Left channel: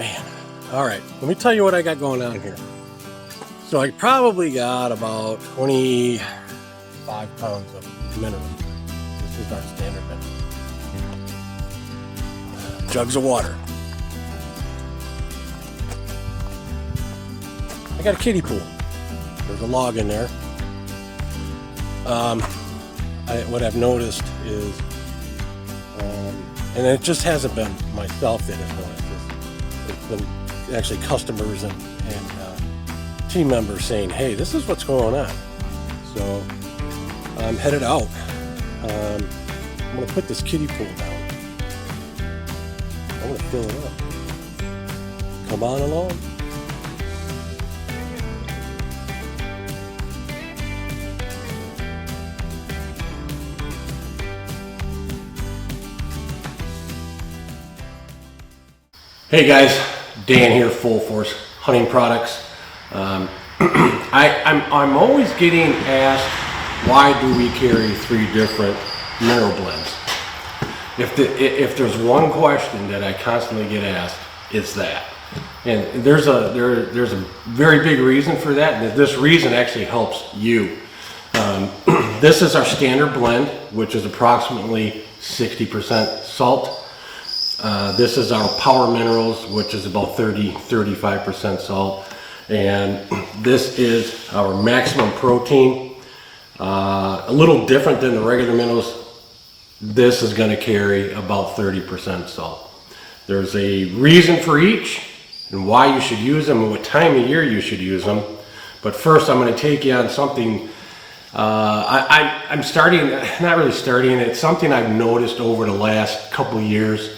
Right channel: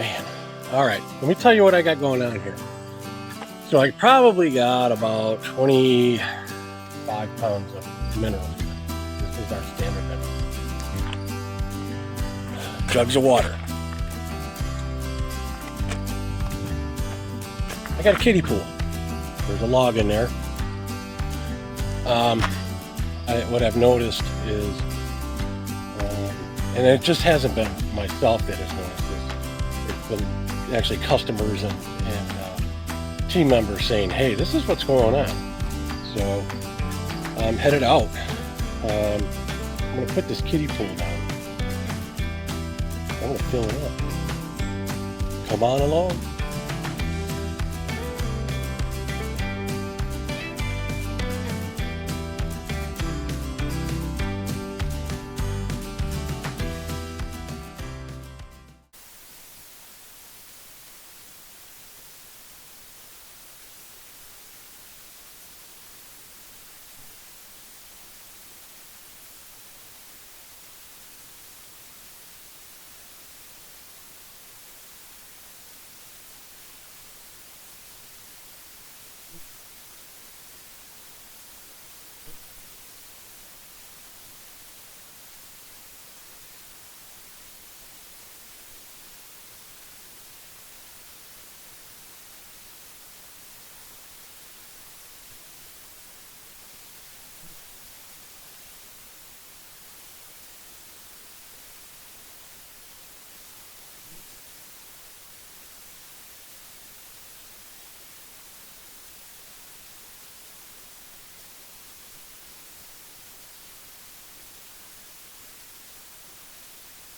Man, all right, let me tell you what I got going on here. So I probably got about 25 pounds of minerals. This is our standard mineral. Jugs of water. I got a kiddie pool. There's a log in there. What I've noticed is, and it just hasn't been myself that has noticed this. It's been actually customers and team members saying, "Hey, this is what's going on." So I'm headed out. I'm going to put this kiddie pool down. I'm going to fill it up. Come on along. Hey guys, Dan here, Full Force Hunting Products. I'm always getting asked, why do we carry 3 different mineral blends? If there's one question that I constantly get asked, it's that. And there's a very big reason for that, and this reason actually helps you. This is our standard blend, which is approximately 60% salt. This is our power minerals, which is about 35% salt. And this is our maximum protein. A little different than the regular minerals. This is going to carry about 30% salt. There's a reason for each and why you should use them and what time of year you should use them. But first I'm going to take you on something I'm starting, not really starting, it's something I've noticed over the last couple years.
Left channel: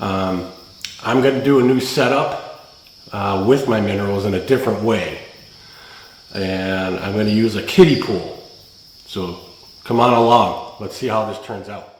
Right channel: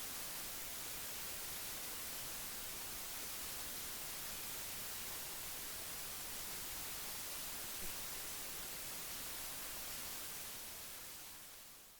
I'm going to do a new setup with my minerals in a different way. And I'm going to use a kiddie pool. So come on along. Let's see how this turns out.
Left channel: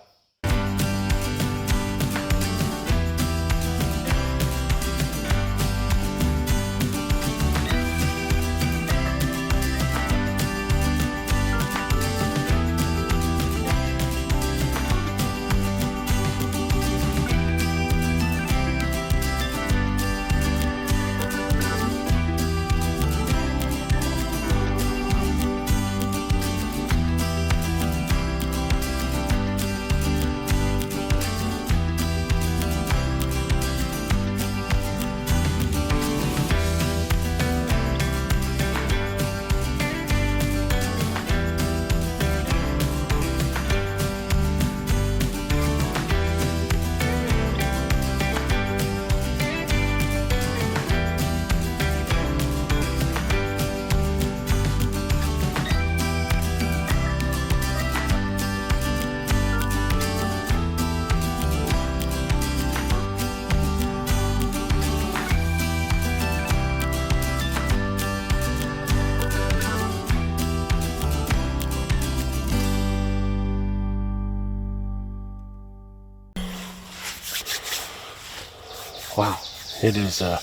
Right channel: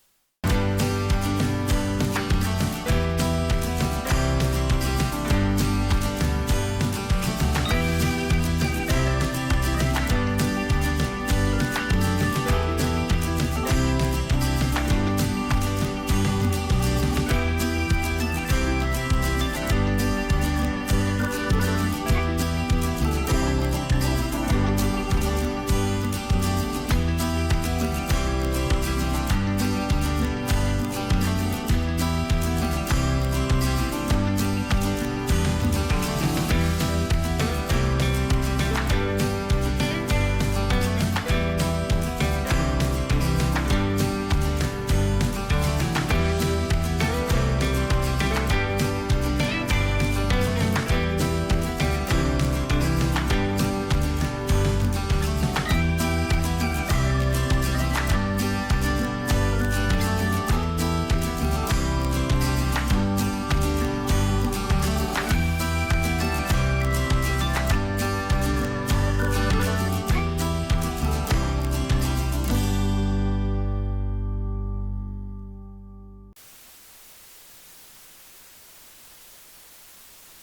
Wow, it's a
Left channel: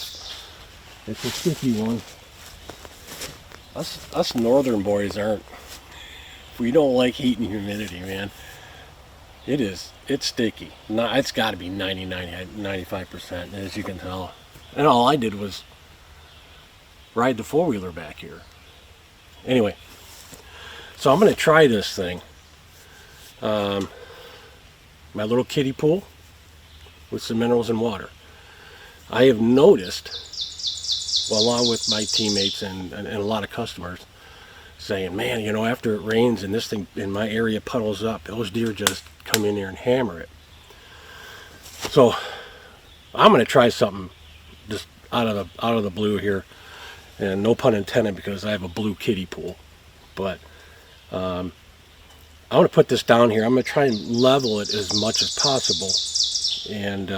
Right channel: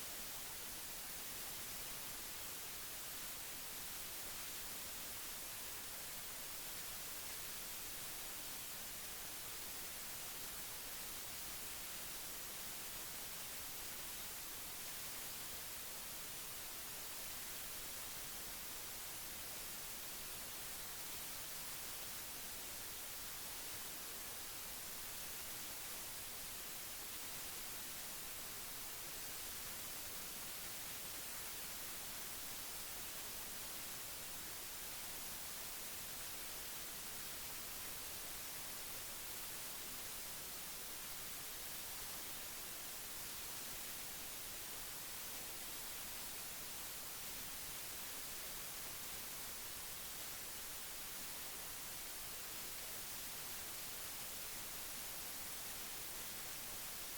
sticky one. Us northern boys we don't like heat and humidity, man. It's sticky. It's got to be 95%, as you can tell. And all I did was ride the 4-wheeler back here. Anyway, so I'm going to try this thing. My little kiddie pool with some minerals and water. I have noticed, well, along with my teammates and a lot of customers, saying, man, you know, after it rains and this thing in my area puddles up, those deer just come in there and hammer it. So I'm going to try something just out of the blue here, and no pun intended, because I have a blue kiddie pool. But I'm going to put this down here. I'm going to try and level it as much as possible, and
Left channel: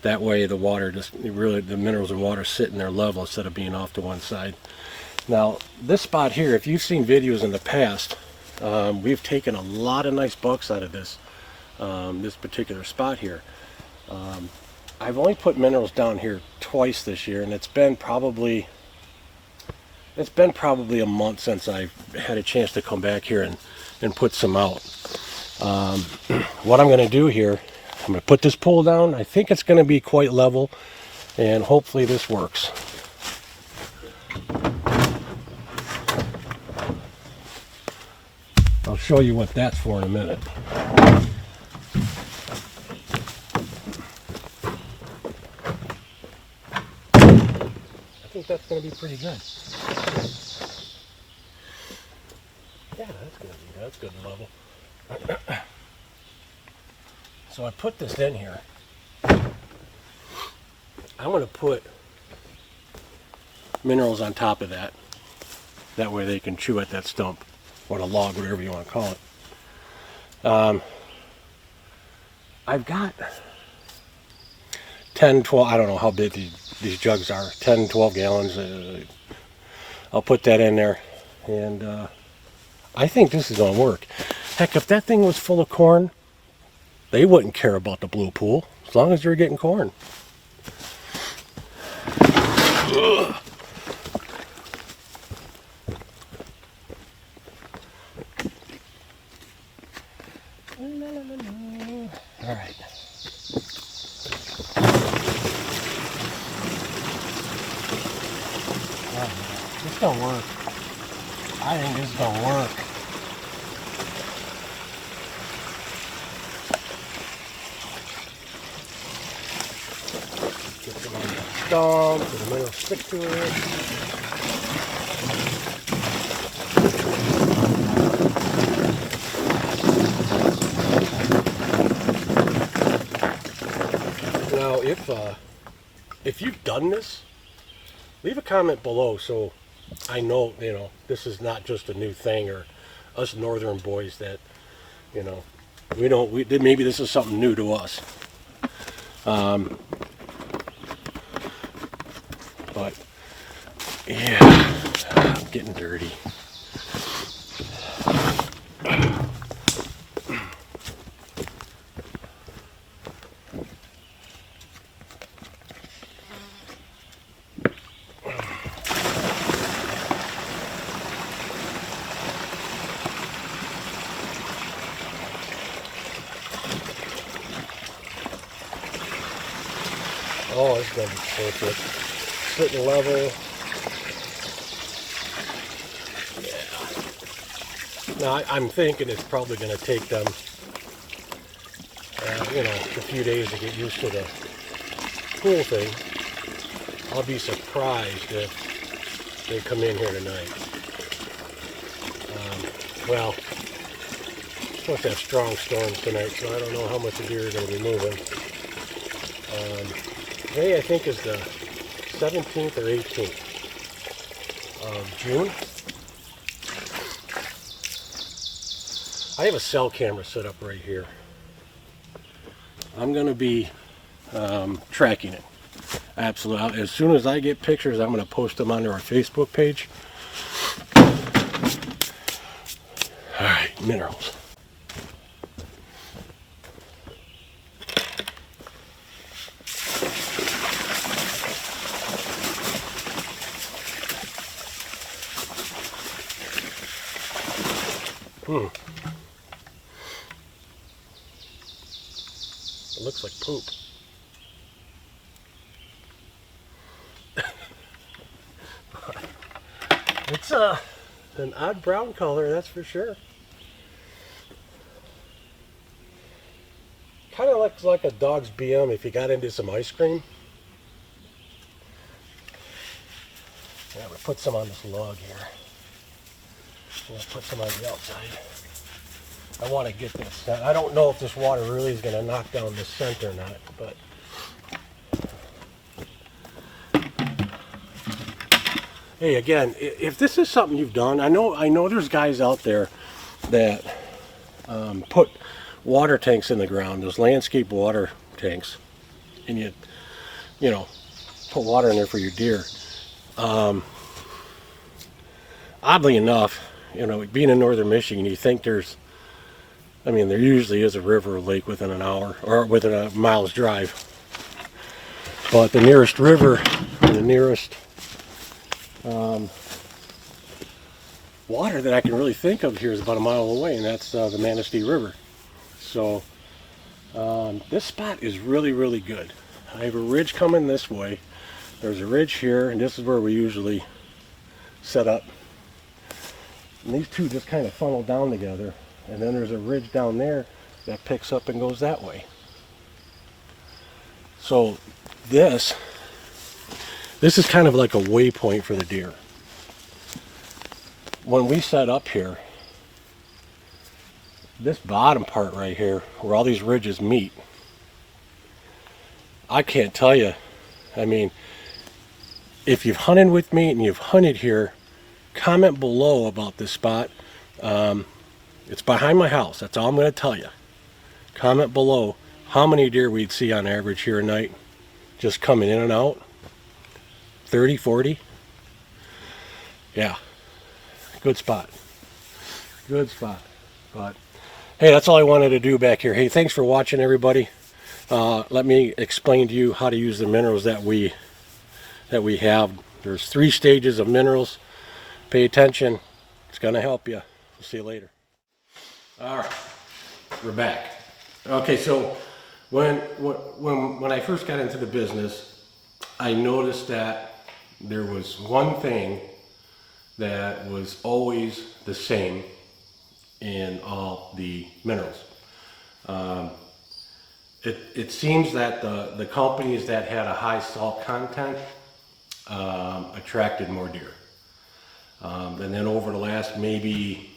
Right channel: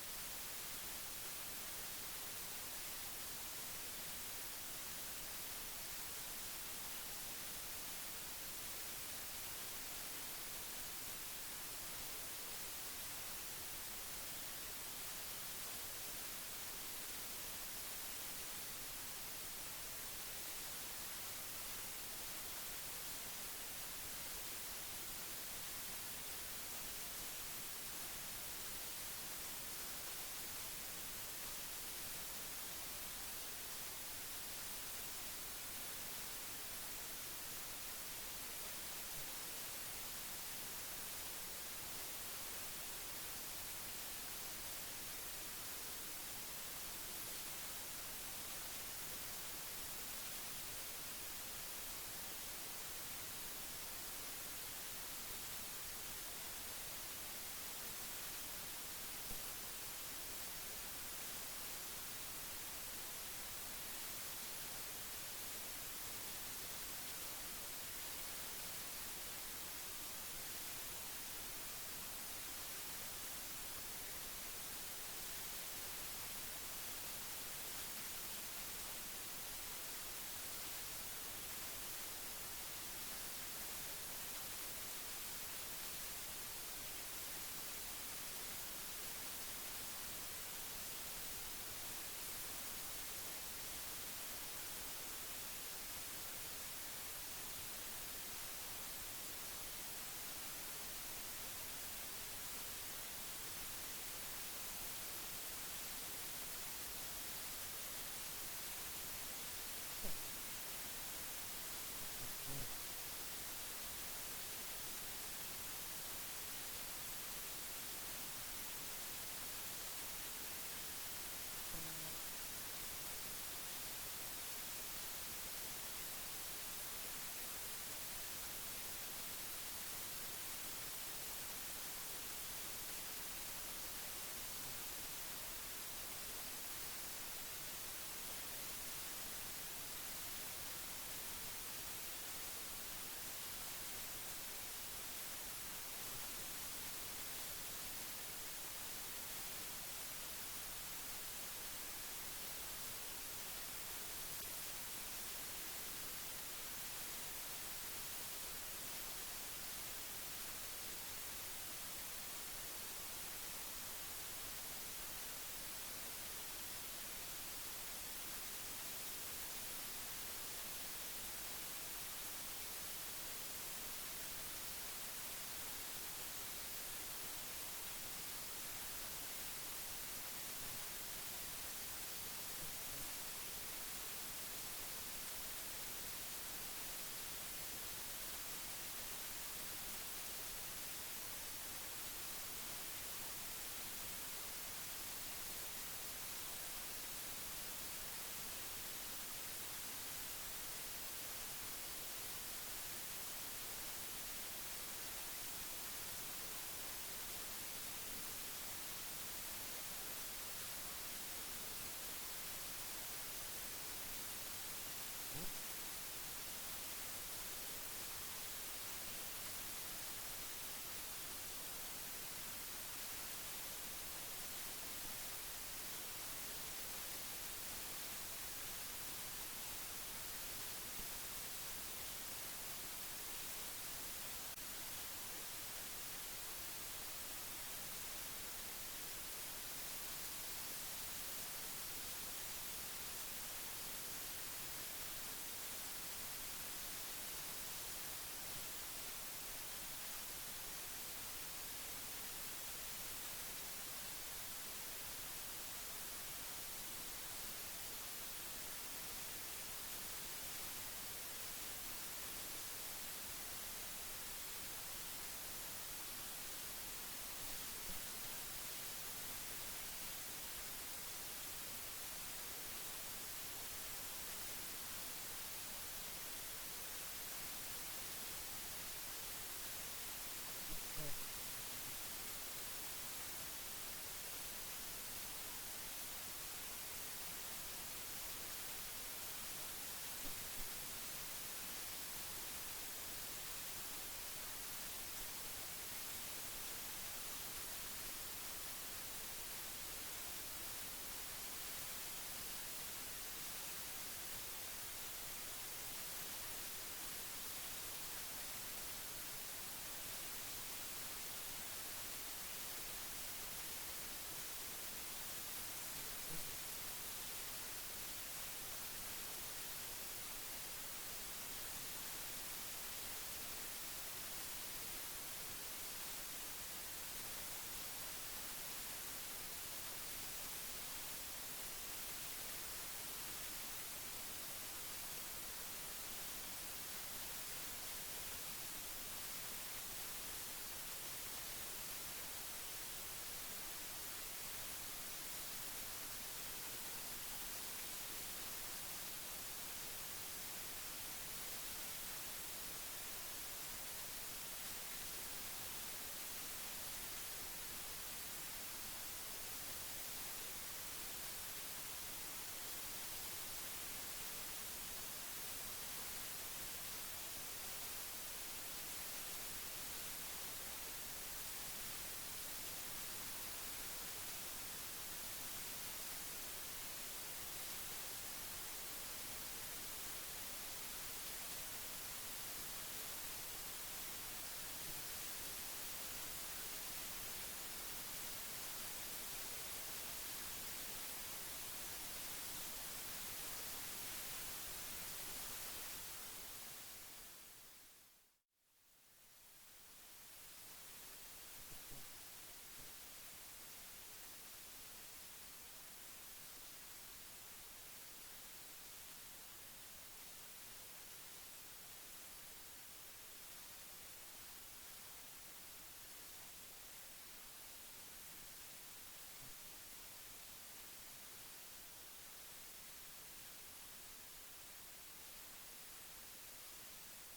that way the water the minerals and water sit in their level instead of being off to one side. Now this spot here, if you've seen videos in the past, we've taken a lot of nice bucks out of this particular spot here. I've only put minerals down here twice this year, and it's been probably a month since I've had a chance to come back here and put some out. What I'm going to do here, I'm going to put this pool down. I think it's going to be quite level. And hopefully this works. I'll show you what that's for in a minute. I think that's going to be pretty good. Yeah, that's good level. So I put this in here. I'm going to put minerals on top of that. That way they can chew at that stump, or the log, whatever you want to call it. I've got 10, 12, I don't know how big these jugs are, 10, 12 gallons. I'll put that in there, and I think this is going to work. Heck, if that thing was full of corn, they wouldn't care about the blue pool, as long as they're getting corn. Ugh. All right. This is gonna work. I think this is gonna work. Get some on the stump, so the minerals stick to it. Now, if you've done this, leave a comment below so I know, this is not just a new thing, or us northern boys that, maybe this is something new to us. But yeah, I'm getting dirty. Oh, it's going to be perfect. Sitting level. Yeah. Now, I'm thinking it's probably going to take them, a few days to get used to the pool thing. I'll be surprised if they come in here tonight. Well, it's supposed to have strong storms tonight, so I don't know how much the deer are going to be moving. Today, I think, is the 17th or 18th of June. I have a cell camera set up right here. I'm going to be tracking it. Absolutely. As soon as I get pictures, I'm going to post them onto our Facebook page. All right, minerals. It looks like poop. It's an odd brown color, that's for sure. Kind of looks like a dog's BM if you got into some ice cream. Yeah, we'll put some on this log here. We'll put some on the outside. I want to get this. I don't know if this water really is going to knock down the scent or not, but hey, again, if this is something you've done, I know there's guys out there that put water tanks in the ground, those landscape water tanks, and you put water in there for your deer. Oddly enough, being in northern Michigan, you think there usually is a river or lake within an hour or within a mile's drive. But the nearest river and the nearest water that I can really think of here is about a mile away, and that's the Manistee River. So this spot is really, really good. I have a ridge coming this way. There's a ridge here, and this is where we usually set up. And these two just kind of funnel down together. And then there's a ridge down there that picks up and goes that way. So this is kind of like a waypoint for the deer. When we set up here, this bottom part right here, where all these ridges meet, I can't tell you. I mean, if you've hunted with me and you've hunted here, comment below about this spot. It's behind my house. That's all I'm going to tell you. Comment below how many deer we'd see on average here a night, just coming in and out. 30, 40. Yeah, good spot. Good spot. But hey, that's all I wanted to do back here. Hey, thanks for watching, everybody. Let me explain to you how to use the minerals that we have. There's 3 stages of minerals. Pay attention. It's going to help you. We'll see you later. All right, we're back. Okay, so when I first got into the business, I noticed that there was one thing that was always the same in all the minerals. It seems that the companies that had a high salt content attracted more deer. And then over the last maybe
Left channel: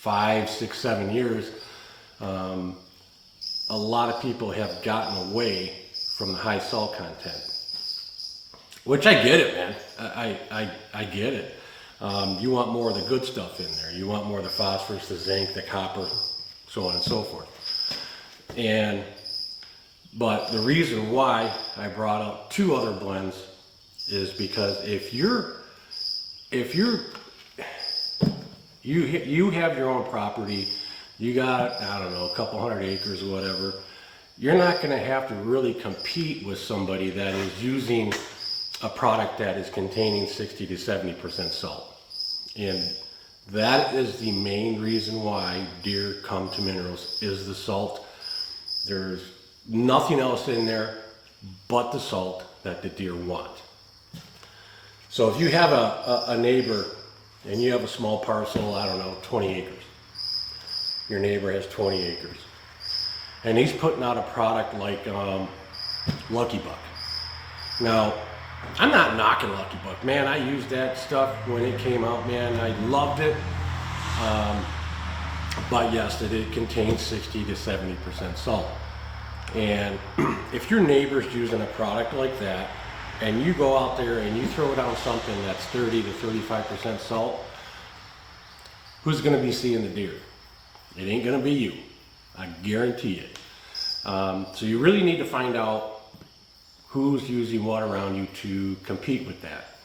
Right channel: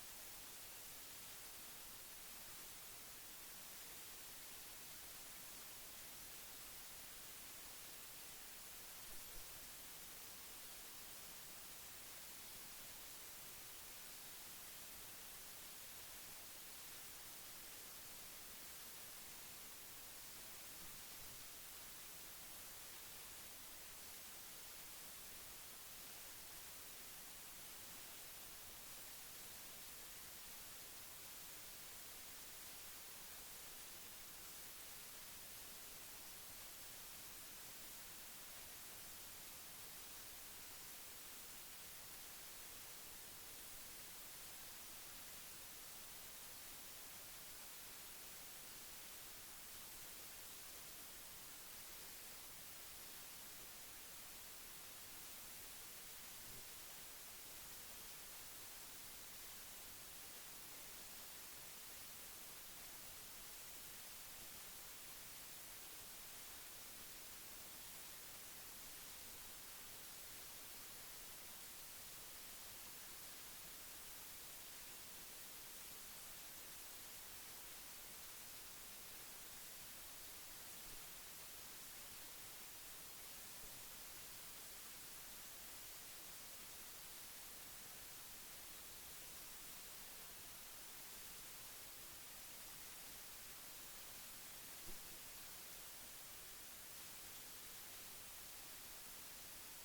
5, 6, 7 years, a lot of people have gotten away from the high salt content. Which I get it, man. I get it. You want more of the good stuff in there. You want more of the phosphorus, the zinc, the copper, so on and so forth. But the reason why I brought up 2 other blends is because if you have your own property, you got, I don't know, a couple hundred acres or whatever, you're not going to have to really compete with somebody that is using a product that is containing 60 to 70% salt. And that is the main reason why deer come to minerals, is the salt. There's nothing else in there but the salt that the deer want. So if you have a neighbor and you have a small parcel, I don't know, 20 acres. Your neighbor has 20 acres. And he's putting out a product like Lucky Buck. Now, I'm not knocking Lucky Buck. Man, I used that stuff when it came out, man. I loved it. But yes, it contains 60 to 70% salt. And if your neighbor's using a product like that, and you go out there and you throw down something that's 30 to 35% salt, who's going to be seeing the deer? It ain't going to be you. I guarantee it. So you really need to find out who's using what around you to compete with that.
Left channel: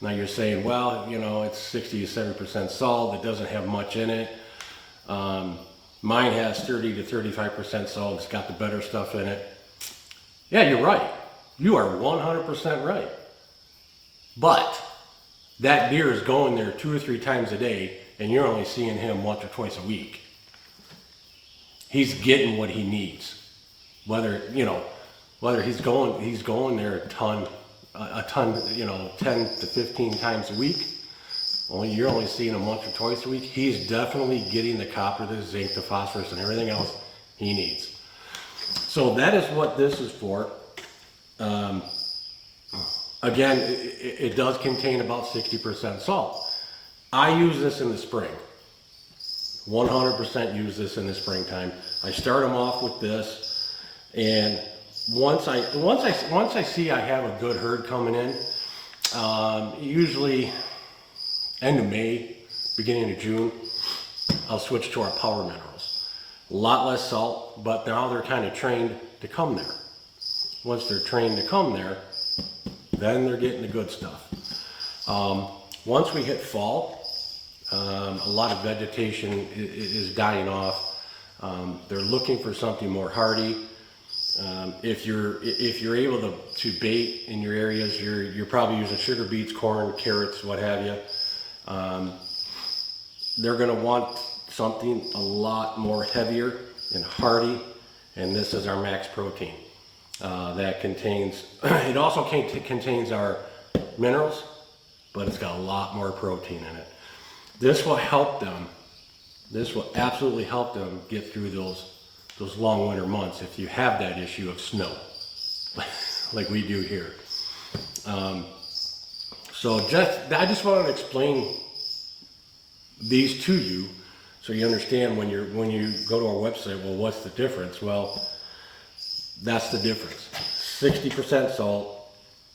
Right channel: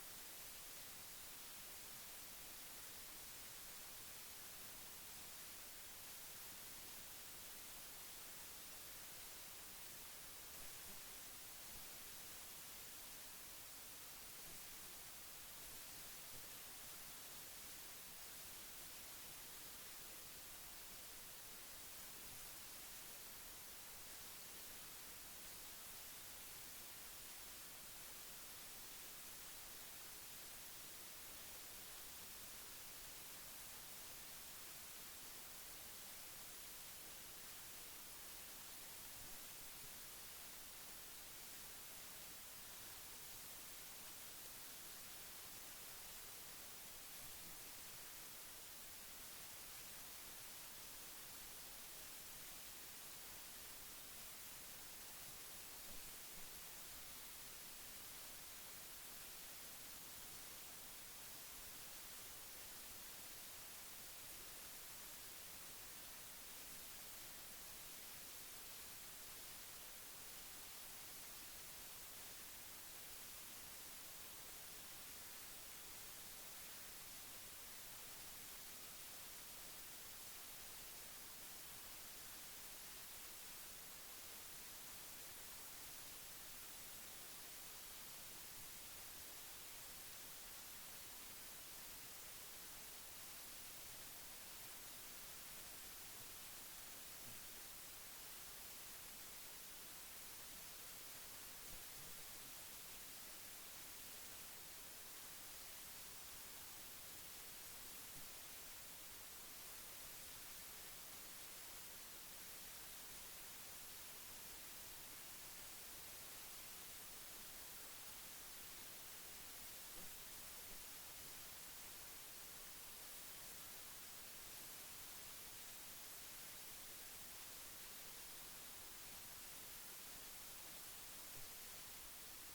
Now you're saying, well, you know, it's 60 to 70% salt. It doesn't have much in it. Mine has 30 to 35% salt. It's got the better stuff in it. Yeah, you're right. You are 100% right. But that deer is going there 2 or 3 times a day, and you're only seeing him once or twice a week. He's getting what he needs. Whether he's going there a ton, 10 to 15 times a week. You're only seeing him once or twice a week. He's definitely getting the copper, the zinc, the phosphorus, and everything else he needs. So that is what this is for. Again, it does contain about 60% salt. I use this in the spring. 100% use this in the springtime. I start them off with this, and once I see I have a good herd coming in, usually end of May, beginning of June, I'll switch to our power minerals. A lot less salt, but now they're kind of trained to come there. Once they're trained to come there, then they're getting the good stuff. Once we hit fall, a lot of vegetation is dying off. They're looking for something more hardy. If you're able to bait in your areas, you're probably using sugar beets, corn, carrots, what have you. They're going to want something a lot more heavier and hardy, and this is our max protein. that contains, it also contains our minerals, but it's got a lot more protein in it. This will help them, this will absolutely help them get through those long winter months if you have that issue of snow, like we do here. So I just wanted to explain these to you so you understand when you go to our website, well, what's the difference? Well, that's the difference. 60% salt,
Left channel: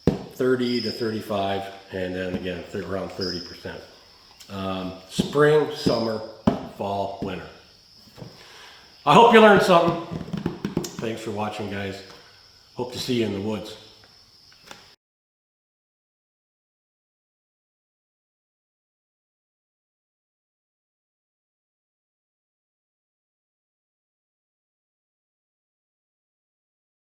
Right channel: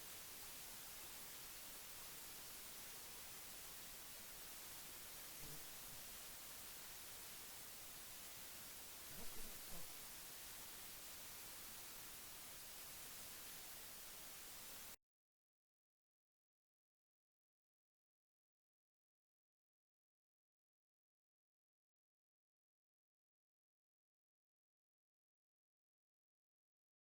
30 to 35, and then again, around 30%. Spring, summer, fall, winter. I hope you learned something. Thanks for watching, guys. Hope to see you in the woods.